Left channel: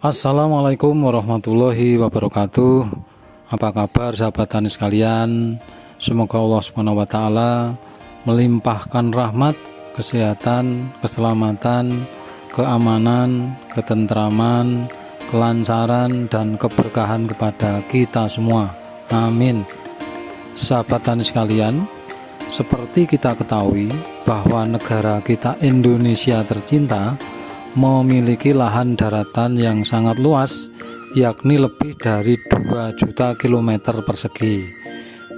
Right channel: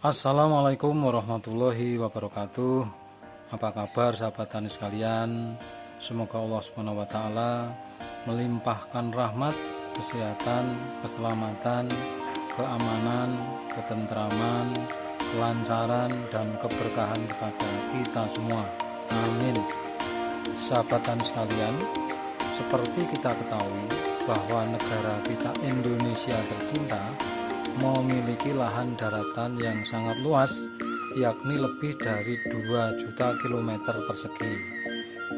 Assalamualaikum warahmatullahi wabarakatuh. Apa kabar sahabat tani sekalian? Semoga Allah Subhanahu wa taala melimpahkan rahmat, kesehatan, keselamatan, keamanan, ketentraman, kelancaran dan keberkahan kepada kita semua. Amin. Sahabat tani sekalian, seperti kita ketahui bahwa negara kita Indonesia tercinta memiliki lahan daratan yang sangat luas, yakni lebih dari 2 juta kilometer persegi,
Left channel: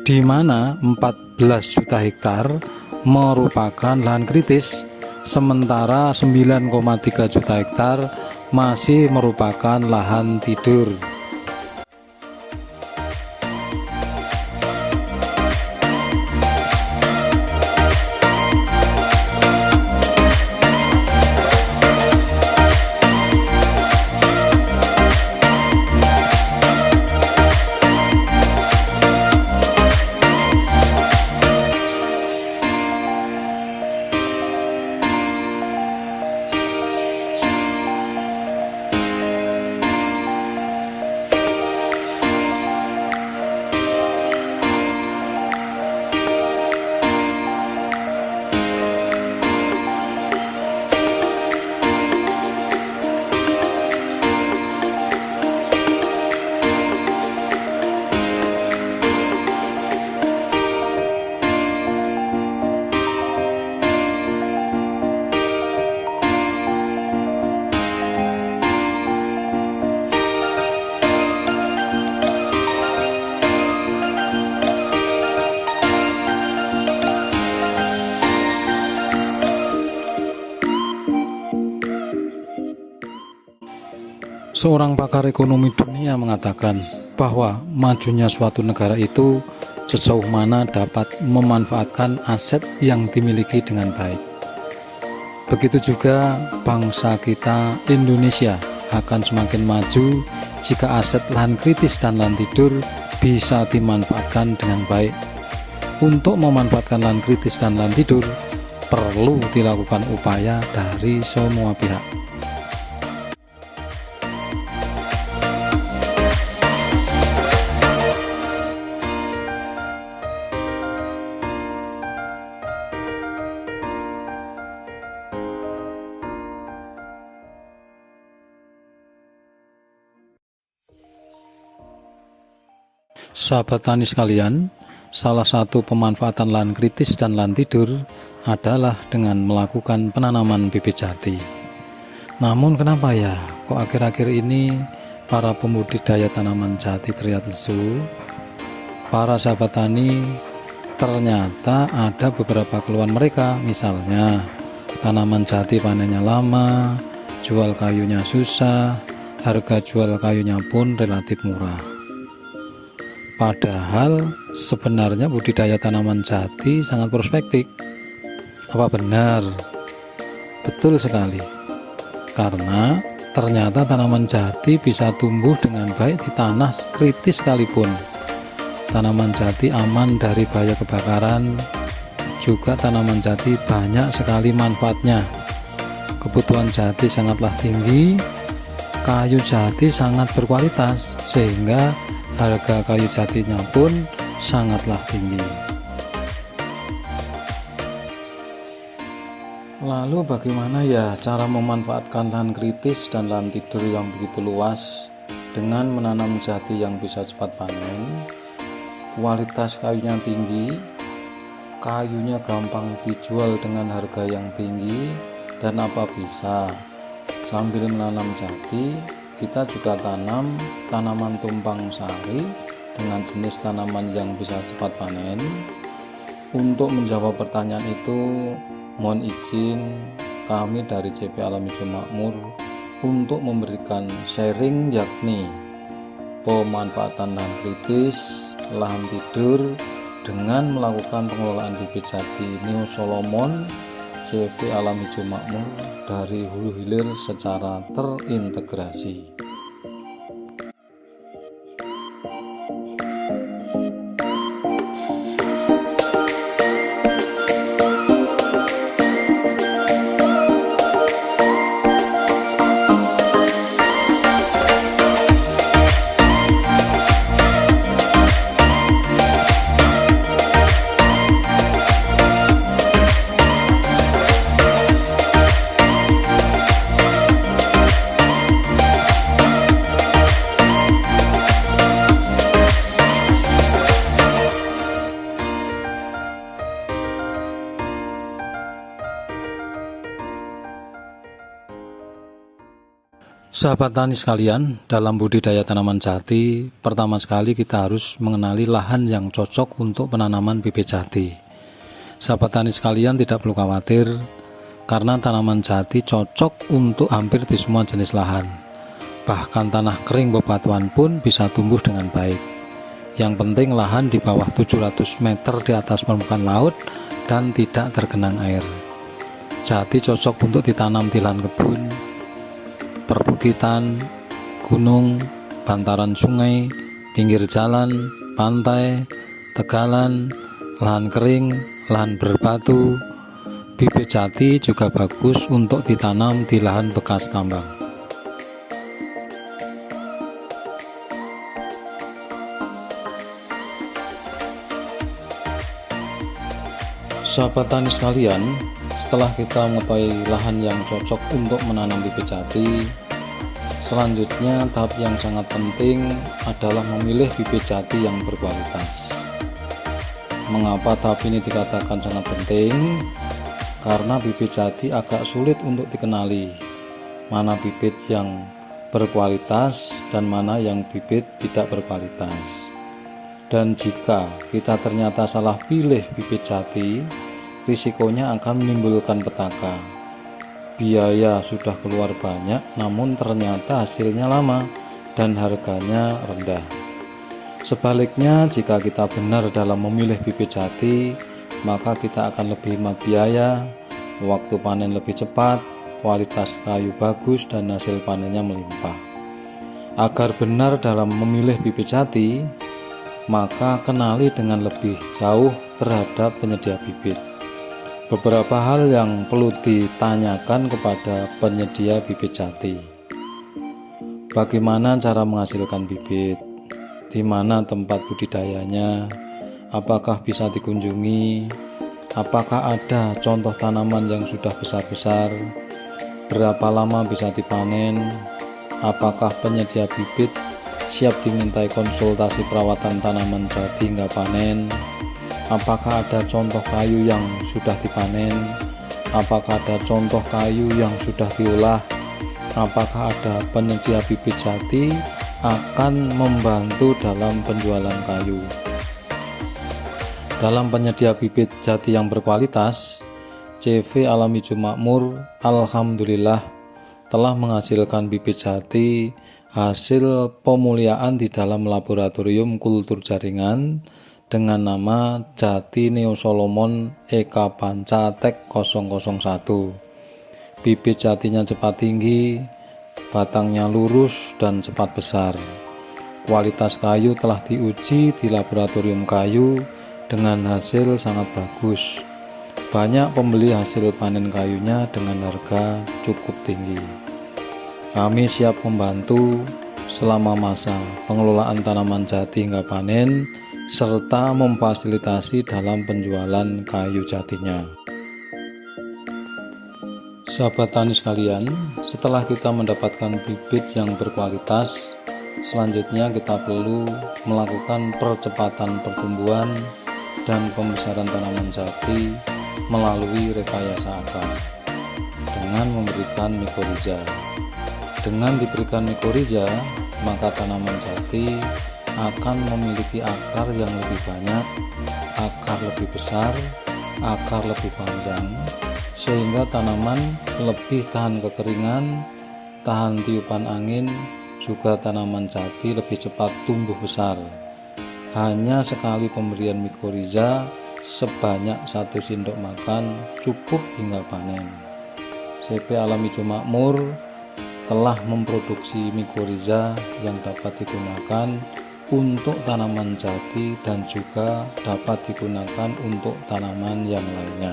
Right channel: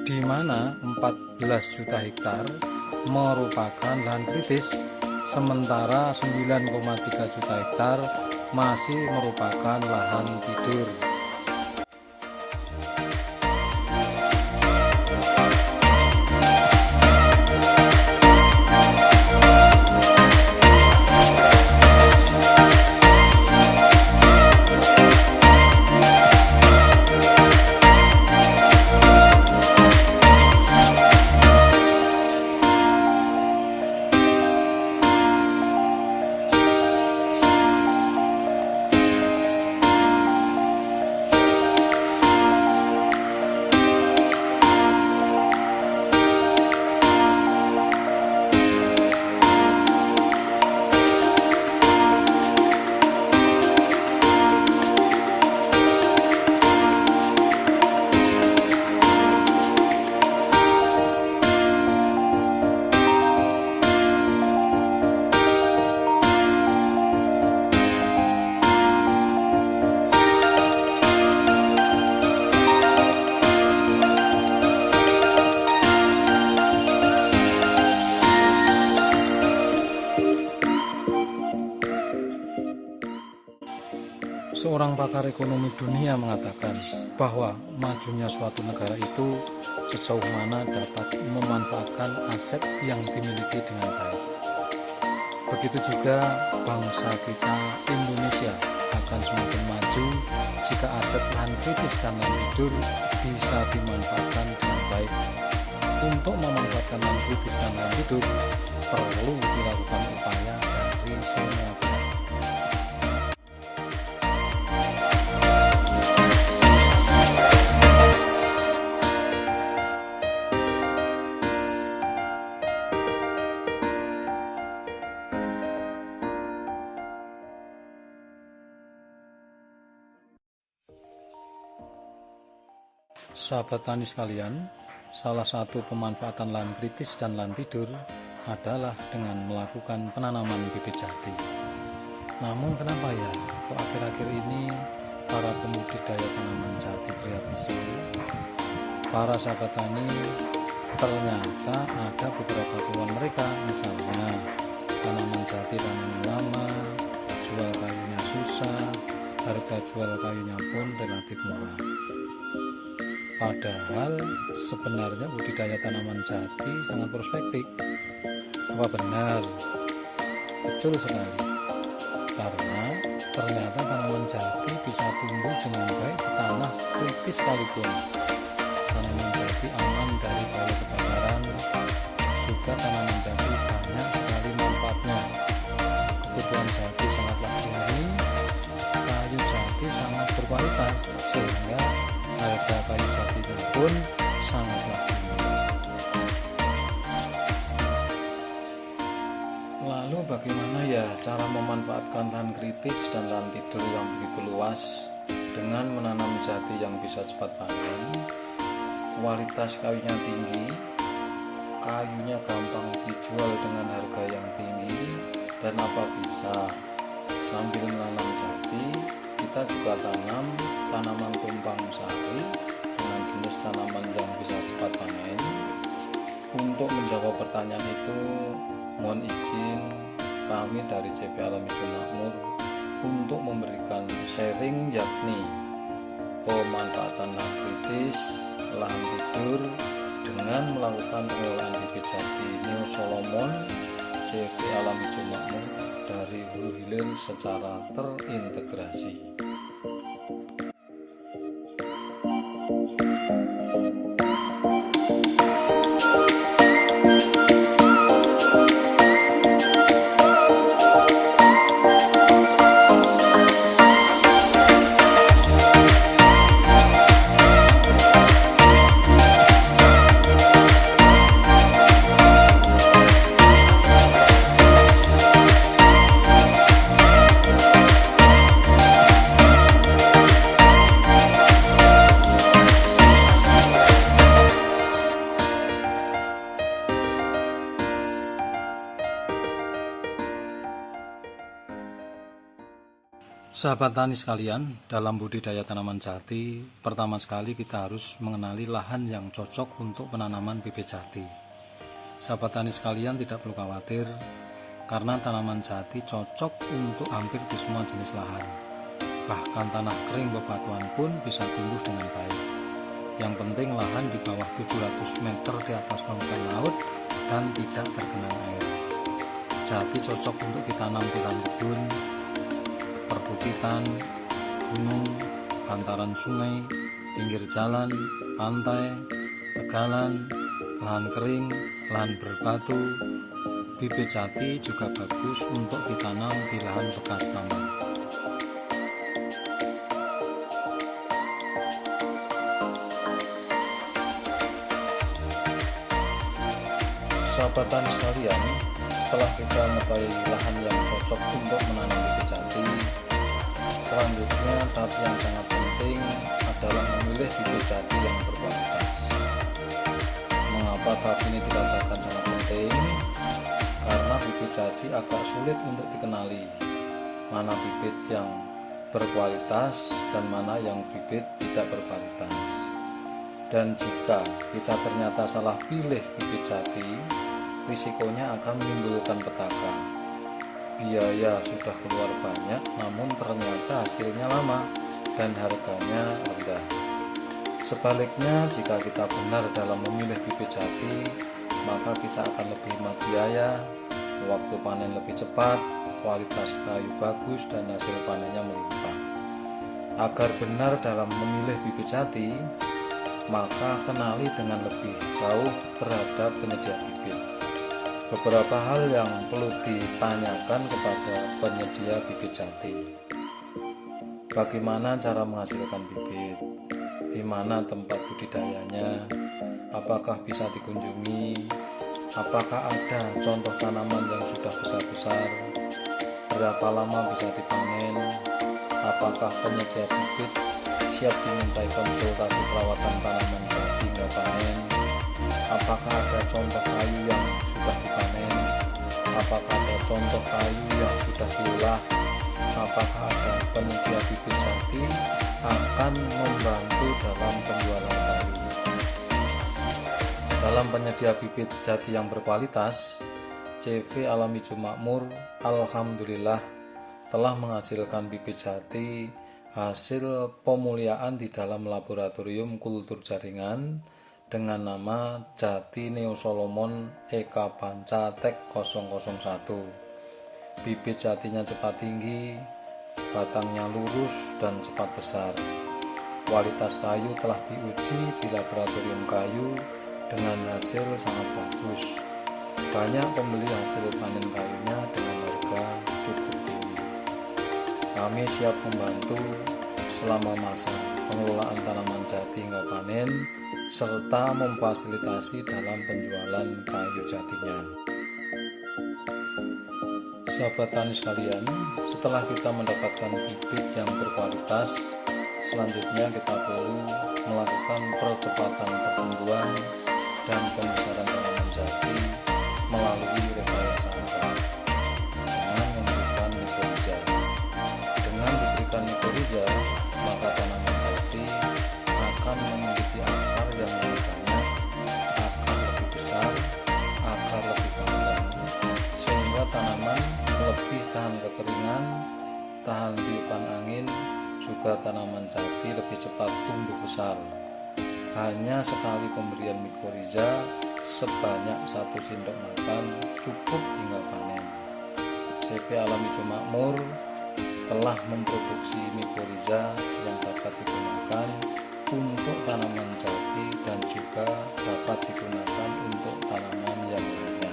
di mana 14 juta hektar merupakan lahan kritis, sementara 9,3 juta hektar masih merupakan lahan tidur. Seorang pakar ekonomi dunia mengatakan bahwa majunya suatu negara itu sejauh mana dapat memanfaatkan aset yang dimiliki dengan baik. Begitu juga bangsa kita Indonesia akan semakin maju jika aset lahan kritis dan lahan tidur bisa dimanfaatkan dengan baik. Untuk memanfaatkan lahan kritis dan lahan tidur perlu dilakukan upaya dari semua pihak. Sahabat tani sekalian, salah satu pemanfaatan lahan kritis dan lahan tidur adalah dengan melakukan penanaman bibit jati. Namun kenapa ya kok akhir-akhir ini para pembudidaya tanaman jati terlihat lesu? Para sahabat tani, ternyata ada beberapa keluhan mereka, misalnya tanaman jati panennya lama, jual kayunya susah, harga jual kayunya pun relatif murah. Padahal sebenarnya budidaya tanaman jati sangat prospektif. Apa benar? Betul sekali. Karena ternyata tanaman jati bisa tumbuh dengan baik di tanah kritis sekalipun. Tanaman jati aman dari bahaya kebakaran. Juga tanaman jati banyak sekali manfaatnya. Kebutuhan jati sangatlah tinggi. Kayu jati sangat berkualitas sehingga harga kayu jatinya pun sangatlah tinggi. Lalu bagaimana ya cara memanfaatkan lahan kritis dan lahan tidur yang begitu luas dengan menanam jati yang bisa cepat panen, kualitas kayunya tinggi, kayunya gampang dijual dengan harga yang tinggi, dan apa bisa sambil menanam jati kita juga tanam tanaman tumpang sari dengan jenis tanaman yang bisa cepat panen. Untuk menjawab pertanyaan itu, mohon izin kami dari CP Alam Hijau Makmur untuk memberikan sharing, yakni pemanfaatan lahan kritis, lahan tidur dengan melakukan pengelolaan bibit jati New Solomon CP Alam Hijau Makmur dari hulu hilir secara terintegrasi. Sahabat tani sekalian, dalam budidaya tanaman jati, pertama sekali kita harus mengenali lahan yang cocok untuk penanaman bibit jati. Sahabat tani sekalian tidak perlu khawatir, karena tanaman jati cocok untuk hampir di semua jenis lahan. Bahkan tanah kering bebatuan pun bisa tumbuh dengan baik. Yang penting lahan di bawah 700 meter di atas permukaan laut dan tidak tergenang air. Jati cocok untuk ditanam di lahan kebun, perbukitan, gunung, bantaran sungai, pinggir jalan, pantai, tegalan, lahan kering, lahan berbatu. Bibit jati juga bagus untuk ditanam di lahan bekas tambang. Sahabat tani sekalian, setelah kita mengetahui lahan yang cocok untuk menanam bibit jati, selanjutnya tahap yang sangat penting adalah memilih bibit jati yang berkualitas. Mengapa tahap ini dikatakan sangat penting? Karena bibit jati agak sulit untuk dikenali mana bibit yang berkualitas dan mana yang bibit tidak berkualitas. Dan jika kita ternyata salah pilih bibit jati, risikonya akan menimbulkan petaka. Biaya sudah keluar banyak, namun ternyata hasilnya lama dan harganya rendah. Sebaliknya, jika kita benar dalam memilih bibit jati, maka kita akan lebih hemat biaya, waktu panen lebih cepat, kualitas kayu bagus, dan hasil panennya melimpah. Agar benar dalam memilih bibit jati, maka kenali dengan lebih jauh terhadap penyedia bibit. Beberapa hal yang perlu ditanyakan kepada penyedia bibit jati. Bagaimana cara menghasilkan bibit? Di mana tempat budidayanya? Apakah bisa dikunjungi? Apakah ada contoh tanaman yang sudah besar-besar? Berapa lama bisa dipanen? Apakah penyedia bibit siap dimintai konsultasi perawatan tanaman jati hingga panen? Apakah ada contoh kayu yang sudah dipanen? Apakah ada contoh kayu yang sudah diolah? Apakah ada penyedia bibit jati akan membantu dalam penjualan kayu? Dalam penyedia bibit jati yang berkualitas, CV Alam Hijau Makmur alhamdulillah telah menghasilkan bibit jati hasil pemuliaan di dalam laboratorium kultur jaringan dengan nama Jati Neo Solomon Eka Panca Tek 001. Bibit jatinya cepat tinggi, batangnya lurus dan cepat besar. Kualitas kayu telah diuji di laboratorium kayu dengan hasil sangat bagus. Banyak pembeli hasil panen kayunya dengan harga cukup tinggi. Kami siap membantu selama masa pengelolaan tanaman jati hingga panen, serta memfasilitasi dalam penjualan kayu jatinya. Sahabat tani sekalian, setelah kita mendapatkan bibit yang berkualitas, selanjutnya kita perlu melakukan percepatan pertumbuhan dan pembesaran tanaman jati melalui rekayasa akar dengan memberikan mikoriza. Dengan diberikan mikoriza, maka tanaman jati akan memiliki akar yang lebih banyak, akar lebih besar, akar lebih panjang, sehingga tanaman lebih tahan kekeringan, tahan tiupan angin, juga tanaman jati lebih cepat tumbuh besar. Hanya sekali pemberian mikoriza sebanyak 1 sendok makan cukup hingga panen. CV Alam Hijau Makmur telah memproduksi mikoriza yang dapat digunakan untuk tanaman jati dan juga dapat digunakan untuk tanaman yang lainnya.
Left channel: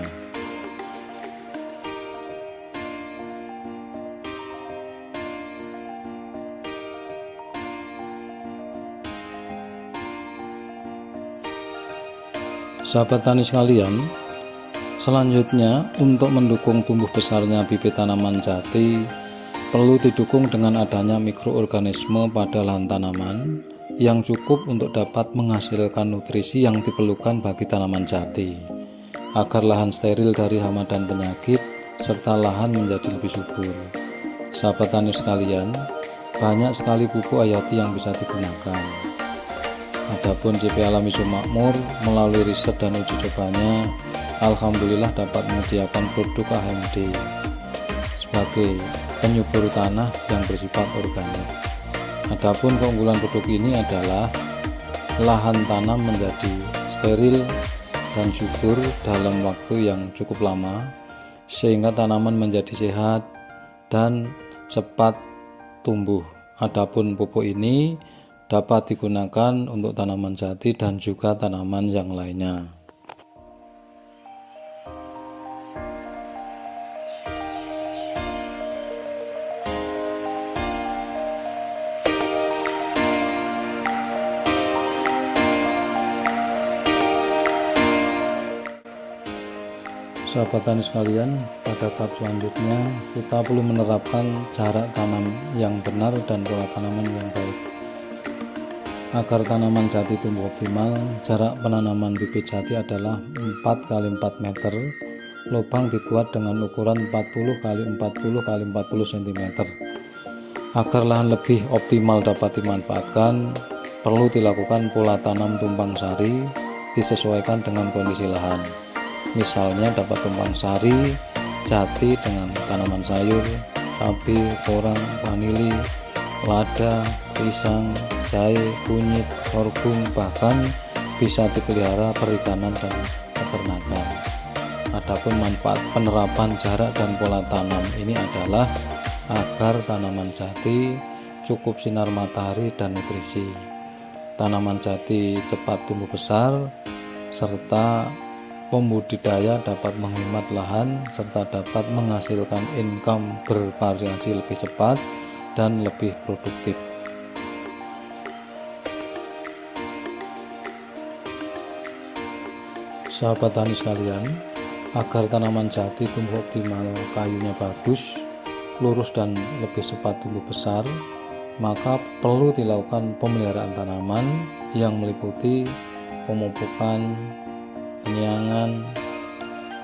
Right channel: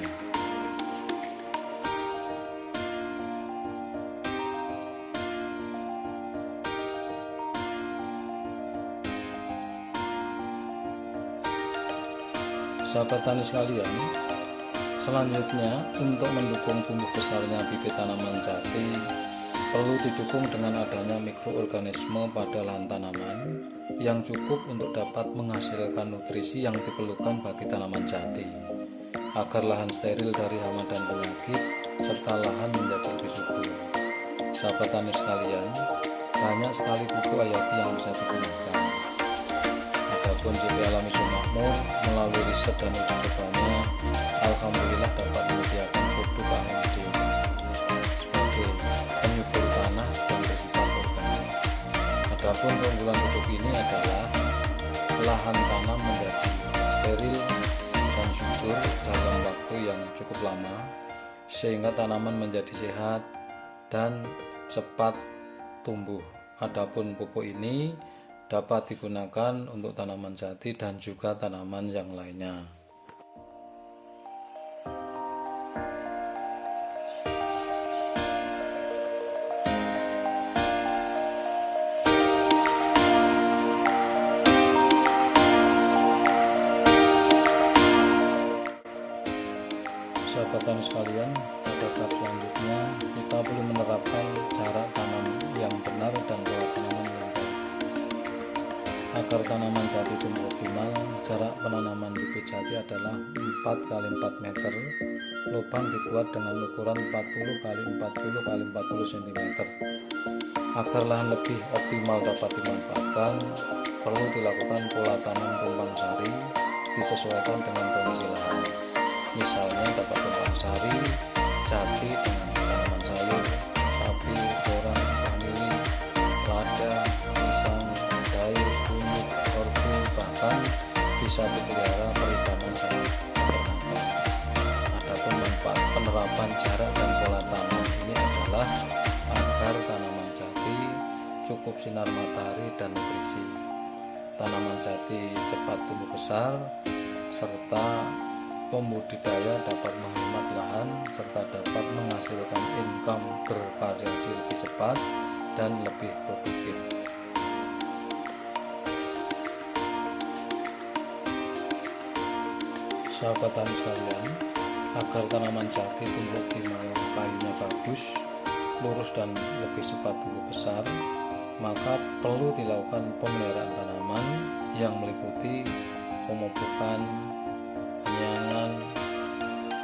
Sahabat tani sekalian, selanjutnya untuk mendukung tumbuh besarnya bibit tanaman jati, perlu didukung dengan adanya mikroorganisme pada lahan tanaman yang cukup untuk dapat menghasilkan nutrisi yang diperlukan bagi tanaman jati, agar lahan steril dari hama dan penyakit, serta lahan menjadi lebih subur. Sahabat tani sekalian, banyak sekali pupuk hayati yang bisa digunakan. Adapun CP Alami Sumakmur melalui riset dan uji cobanya, alhamdulillah dapat menyediakan produk AMD sebagai penyubur tanah yang bersifat organik. Adapun keunggulan produk ini adalah lahan tanam menjadi steril dan subur dalam waktu yang cukup lama, sehingga tanaman menjadi sehat dan cepat tumbuh. Adapun pupuk ini dapat digunakan untuk tanaman jati dan juga tanaman yang lainnya. Sahabat tani sekalian, pada tahap selanjutnya kita perlu menerapkan jarak tanam yang benar dan pola tanaman yang baik. Agar tanaman jati tumbuh optimal, jarak penanaman bibit jati adalah 4 x 4 meter. Lubang dibuat dengan ukuran 40 x 40 x 40 cm. Agar lahan lebih optimal dapat dimanfaatkan, perlu dilakukan pola tanam tumpang sari disesuaikan dengan kondisi lahan. Misalnya dapat tumpang sari jati dengan tanaman sayur, cabai, korang, vanili, lada, pisang, jahe, kunyit, sorghum, bahkan bisa dipelihara perikanan dan peternakan. Adapun manfaat penerapan jarak dan pola tanam ini adalah agar tanaman jati cukup sinar matahari dan nutrisi. Tanaman jati cepat tumbuh besar serta pembudidaya dapat menghemat lahan serta dapat menghasilkan income bervariasi lebih cepat dan lebih produktif. Sahabat tani sekalian, agar tanaman jati tumbuh optimal, kayunya bagus, lurus dan lebih cepat tumbuh besar, maka perlu dilakukan pemeliharaan tanaman yang meliputi pemupukan, penyiangan,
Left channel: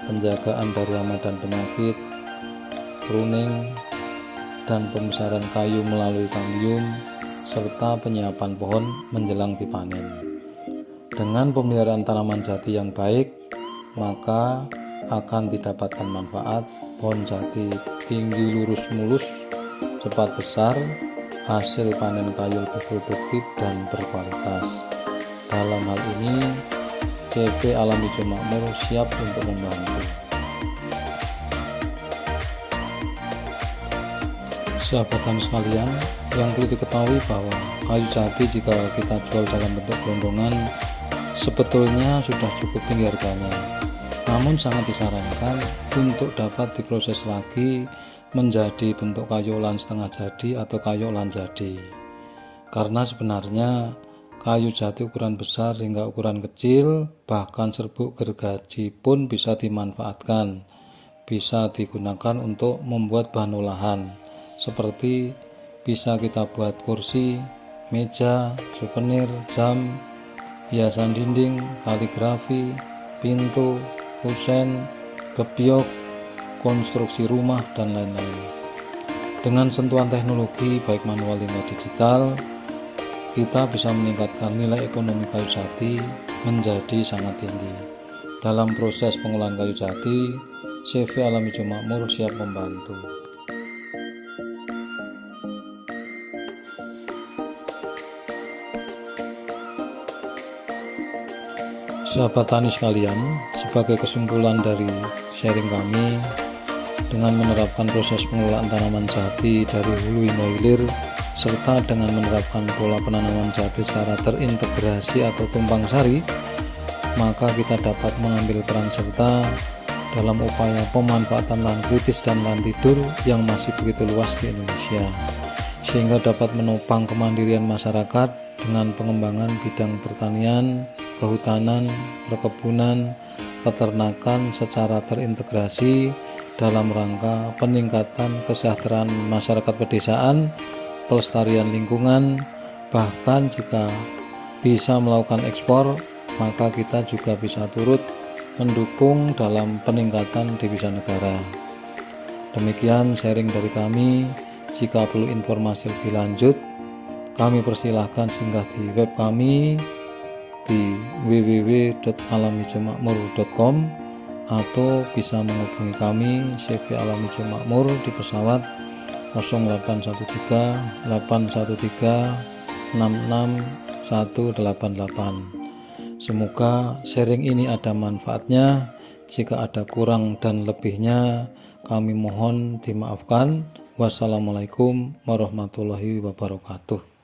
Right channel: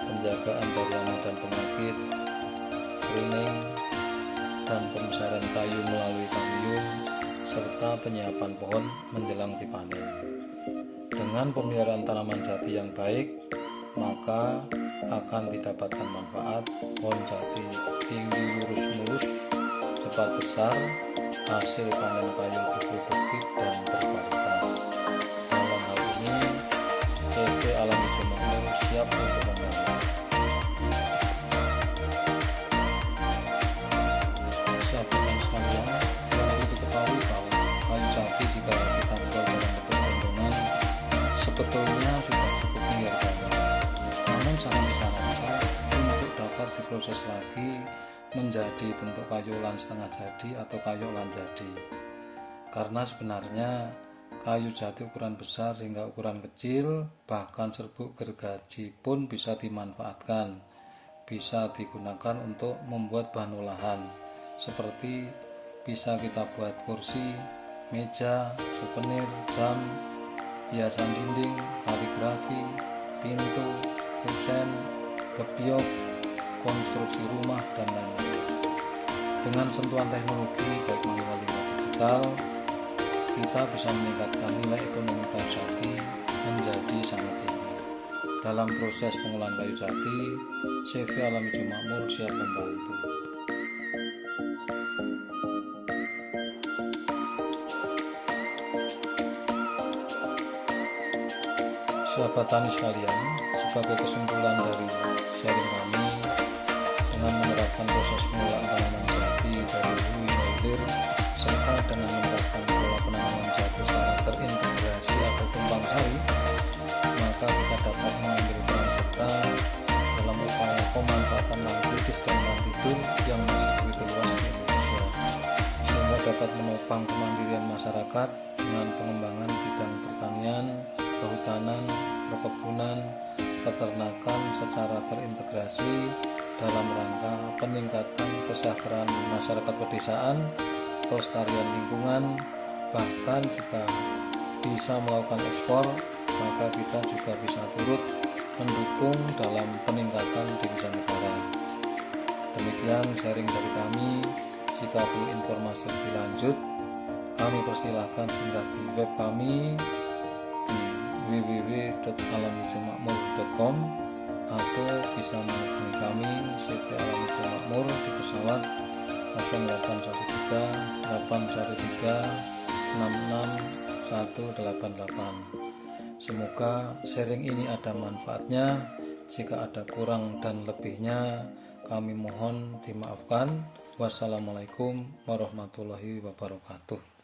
penjagaan dari hama dan penyakit, pruning, dan pembesaran kayu melalui kambium, serta penyiapan pohon menjelang dipanen. Dengan pemeliharaan tanaman jati yang baik, maka akan didapatkan manfaat pohon jati tinggi lurus mulus, cepat besar, hasil panen kayu lebih produktif dan berkualitas. Dalam hal ini, CP Alami Sumakmur siap untuk membantu. Sahabat tani sekalian, yang perlu diketahui bahwa kayu jati jika kita jual dalam bentuk gelondongan sebetulnya sudah cukup tinggi harganya. Namun sangat disarankan untuk dapat diproses lagi menjadi bentuk kayu olahan setengah jadi atau kayu olahan jadi. Karena sebenarnya kayu jati ukuran besar hingga ukuran kecil, bahkan serbuk gergaji pun bisa dimanfaatkan. Bisa digunakan untuk membuat bahan olahan, seperti bisa kita buat kursi, meja, souvenir, jam, hiasan dinding, kaligrafi, pintu, kusen, gebyok, konstruksi rumah, dan lain-lain. Dengan sentuhan teknologi baik manual hingga digital, kita bisa meningkatkan nilai ekonomi kayu jati menjadi sangat tinggi. Dalam proses pengolahan kayu jati, CP Alami Sumakmur siap membantu. Sahabat tani sekalian, sebagai kesimpulan dari sharing kami, dengan menerapkan proses pengelolaan tanaman jati dari hulu hingga hilir, serta dengan menerapkan pola penanaman jati secara terintegrasi atau tumpang sari, maka kita dapat mengambil peran serta dalam upaya pemanfaatan lahan kritis dan lahan tidur yang masih begitu luas di Indonesia, sehingga dapat menopang kemandirian masyarakat dengan pengembangan bidang pertanian, kehutanan, perkebunan, peternakan secara terintegrasi dalam rangka peningkatan kesejahteraan masyarakat pedesaan, pelestarian lingkungan, bahkan jika bisa melakukan ekspor, maka kita juga bisa turut mendukung dalam peningkatan devisa negara. Demikian sharing dari kami. Jika perlu informasi lebih lanjut, kami persilahkan singgah di web kami di www.alamijomakmur.com atau bisa menghubungi kami CV Alami Jo Makmur di pesawat 0813 813 66188. Semoga sharing ini ada manfaatnya. Jika ada kurang dan lebihnya, kami mohon dimaafkan. Wassalamualaikum warahmatullahi wabarakatuh.